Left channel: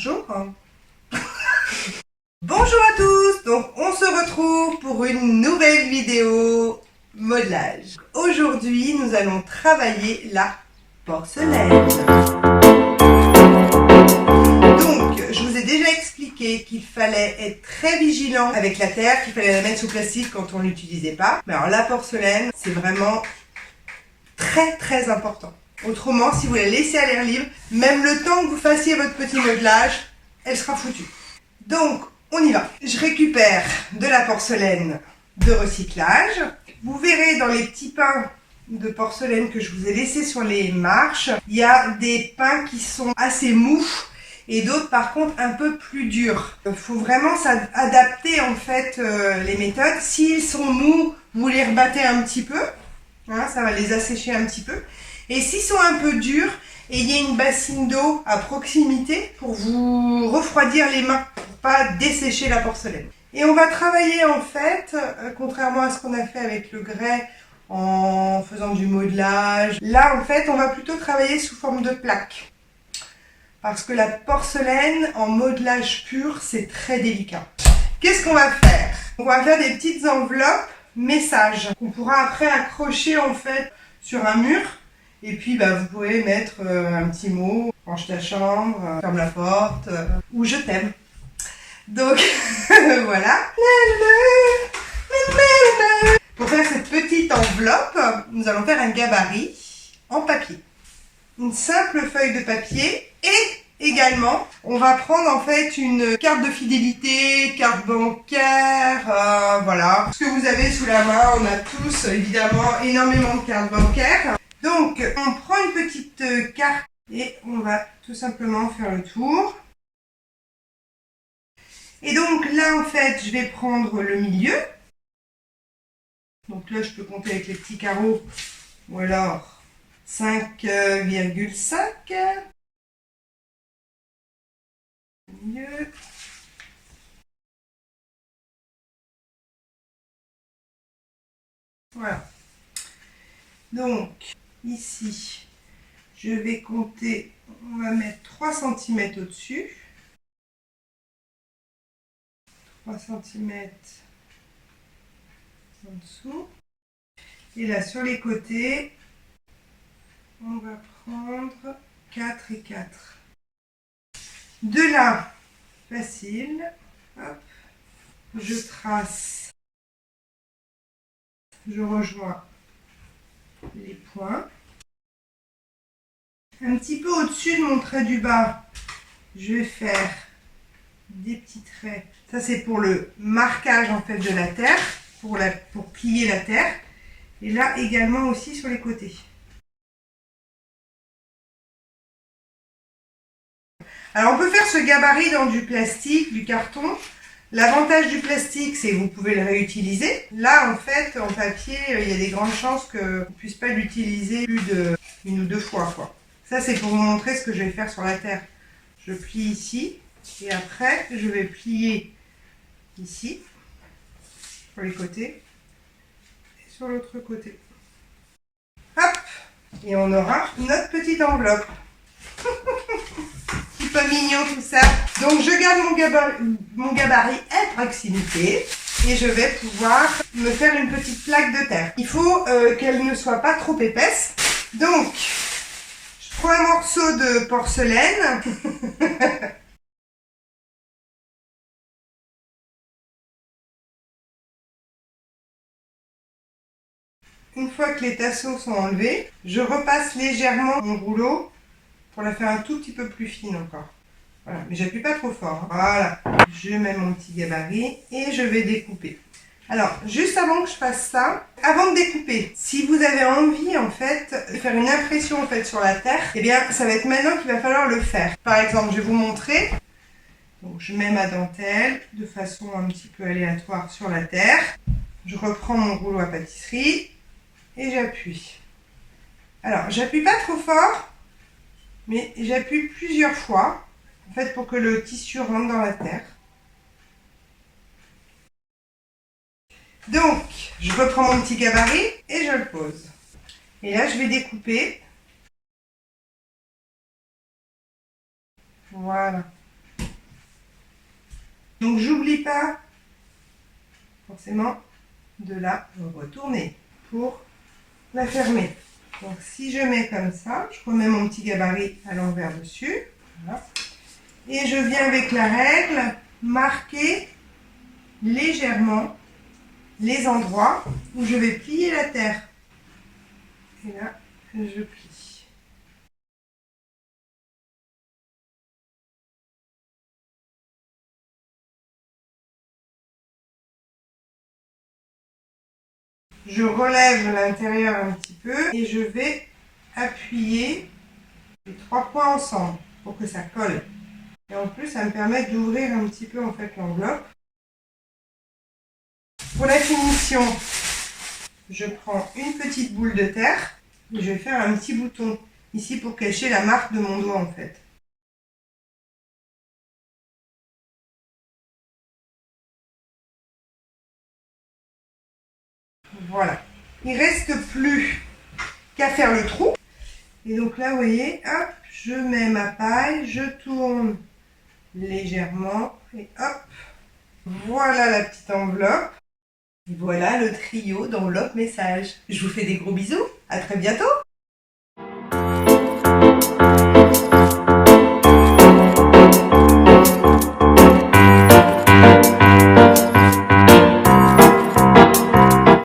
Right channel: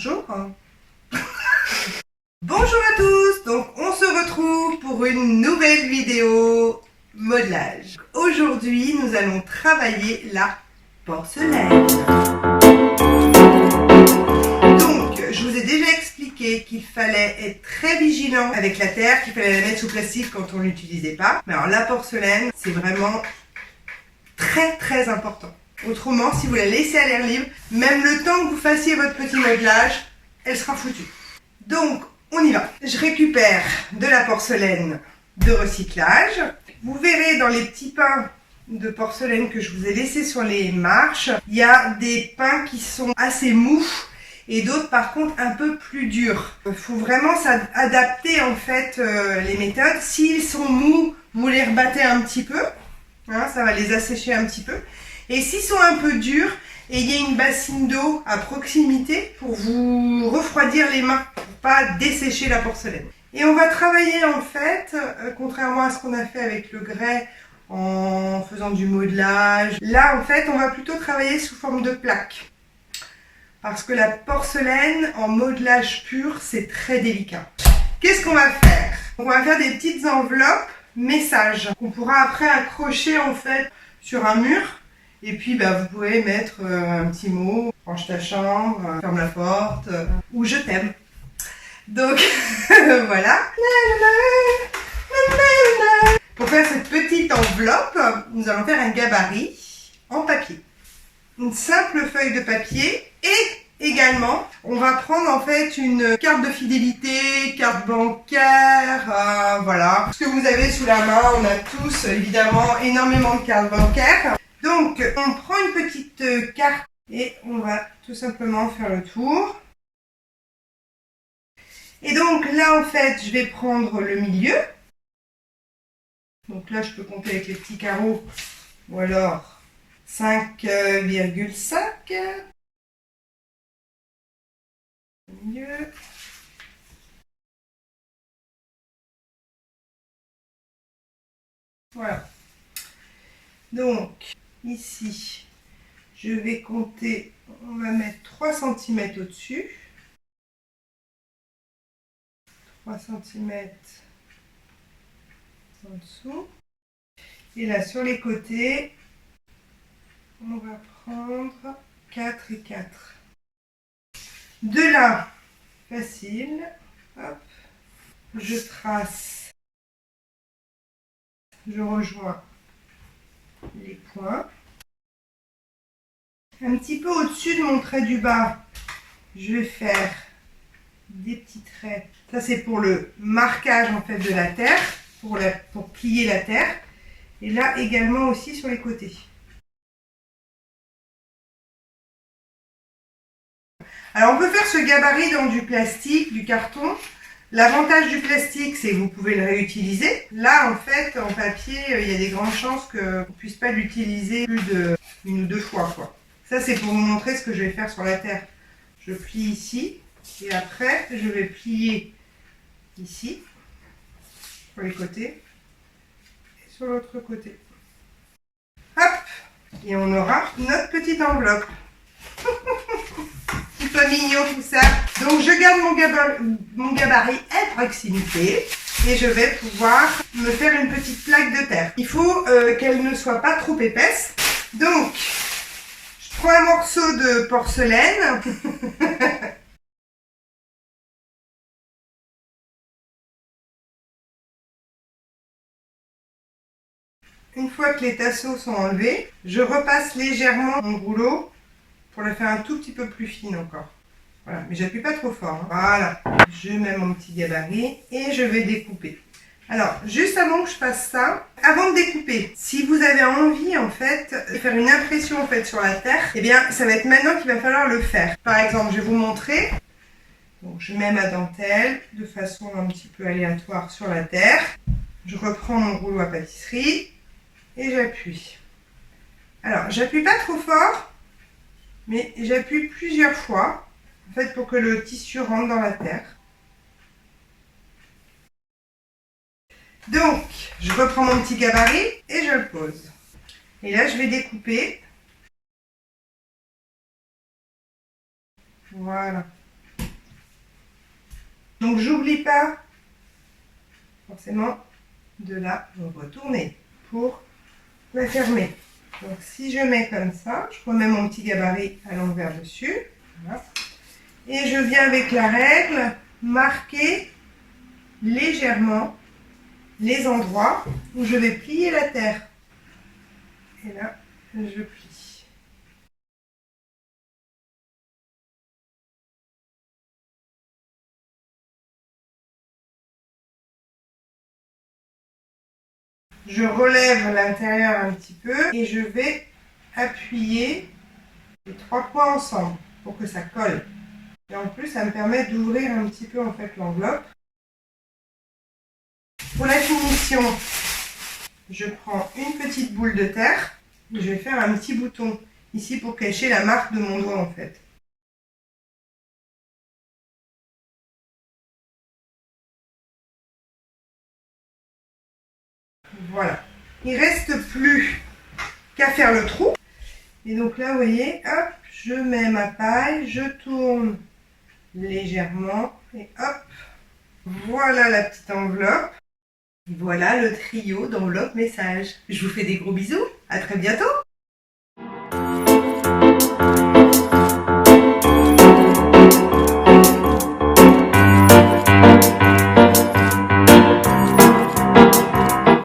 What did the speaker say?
Bonjour. Bonjour à tous. Donc on se retrouve pour une nouvelle vidéo modelage. Aujourd'hui nous allons travailler la porcelaine. Donc je vous ai déjà expliqué qu'il fallait être très vigilant avec la terre, qu'il fallait la mettre sous plastique quand on ne l'utilisait pas. Mais alors la porcelaine c'est vraiment très important. Autrement, si vous la laissez à l'air libre, même le temps que vous fassiez votre petit modelage, elle sera foutue. Donc, on y va. Je récupère de la porcelaine de recyclage. Vous verrez dans les petits pains de porcelaine que je vous ai laissés sur les marches, il y a des pains qui sont assez mous et d'autres par contre un peu plus durs. Il faut vraiment adapter en fait les méthodes. S'ils sont mous, vous les rebattez un petit peu. Hein, ça va les assécher un petit peu. Et s'ils sont un peu durs, et il y a une bassine d'eau à proximité pour vous refroidir les mains, pour pas dessécher la porcelaine. Et on va travailler en fait, contrairement à ce qu'on a fait avec le grès en faisant du modelage, là en fait on va plutôt travailler sous forme de plaques. Parce que la porcelaine en modelage pur, c'est très délicat. Qu'est-ce qu'on va faire? On va faire des petites enveloppes messages qu'on pourra après accrocher en fait sur un mur. Et puis vous pouvez mettre un petit mot, range ta chambre, ferme la porte, ou je t'aime. Donc voilà. Pour faire cette petite enveloppe, nous allons faire un gabarit en papier. Une simple feuille de papier et également, on va prendre en fait une carte de fidélité, carte bancaire, voilà. Ce que vous avez sous la main, on a tous évidemment énormément de cartes bancaires. Donc, on prend une petite carte et on va tout simplement faire le tour. Et donc là, en fait, je vais prendre le milieu. Donc là, je peux compter avec les petits carreaux ou alors 5,5. Milieu. Voilà. Donc, ici, je vais compter, on va mettre 3 cm au-dessus. 3 cm en dessous. Et là, sur les côtés, on va prendre 4 et 4. De là, facile, hop, je trace, je rejoins les points. Un petit peu au-dessus de mon trait du bas, je vais faire des petits traits. Ça, c'est pour le marquage en fait de la terre, pour plier la terre. Et là également aussi sur les côtés. Alors on peut faire ce gabarit dans du plastique, du carton. L'avantage du plastique, c'est que vous pouvez le réutiliser. Là, en fait, en papier, il y a des grandes chances qu'on ne puisse pas l'utiliser plus d'une ou deux fois, quoi. Ça, c'est pour vous montrer ce que je vais faire sur la terre. Je plie ici et après, je vais plier ici, sur les côtés et sur l'autre côté. Hop! Et on aura notre petite enveloppe. Petit peu mignon tout ça. Donc je garde mon gabarit à proximité et je vais pouvoir me faire une petite plaque de terre. Il faut qu'elle ne soit pas trop épaisse. Donc je prends un morceau de porcelaine. Une fois que les tasseaux sont enlevés, je repasse légèrement mon rouleau pour la faire un tout petit peu plus fine encore. Voilà, mais j'appuie pas trop fort. Hein. Voilà, je mets mon petit gabarit et je vais découper. Alors, juste avant que je fasse ça, avant de découper, si vous avez envie en fait de faire une impression en fait sur la terre, eh bien ça va être maintenant qu'il va falloir le faire. Par exemple, je vais vous montrer. Donc, je mets ma dentelle de façon un petit peu aléatoire sur la terre. Je reprends mon rouleau à pâtisserie et j'appuie. Alors, j'appuie pas trop fort, mais j'appuie plusieurs fois. En fait, pour que le tissu rentre dans la terre. Donc, je reprends mon petit gabarit et je le pose. Et là, je vais découper. Voilà. Donc j'oublie pas forcément de la retourner pour la fermer. Donc si je mets comme ça, je remets mon petit gabarit à l'envers dessus. Voilà. Et je viens avec la règle marquer légèrement les endroits où je vais plier la terre. Et là, je plie. Je relève l'intérieur un petit peu et je vais appuyer les 3 points ensemble pour que ça colle. Et en plus, ça me permet d'ouvrir un petit peu en fait l'enveloppe. Pour la finition, je prends une petite boule de terre et je vais faire un petit bouton ici pour cacher la marque de mon doigt en fait. Voilà. Il ne reste plus qu'à faire le trou. Et donc là, vous voyez, hop, je mets ma paille, je tourne légèrement et hop, voilà la petite enveloppe. Et voilà le trio d'enveloppes message. Je vous fais des gros bisous, à très bientôt.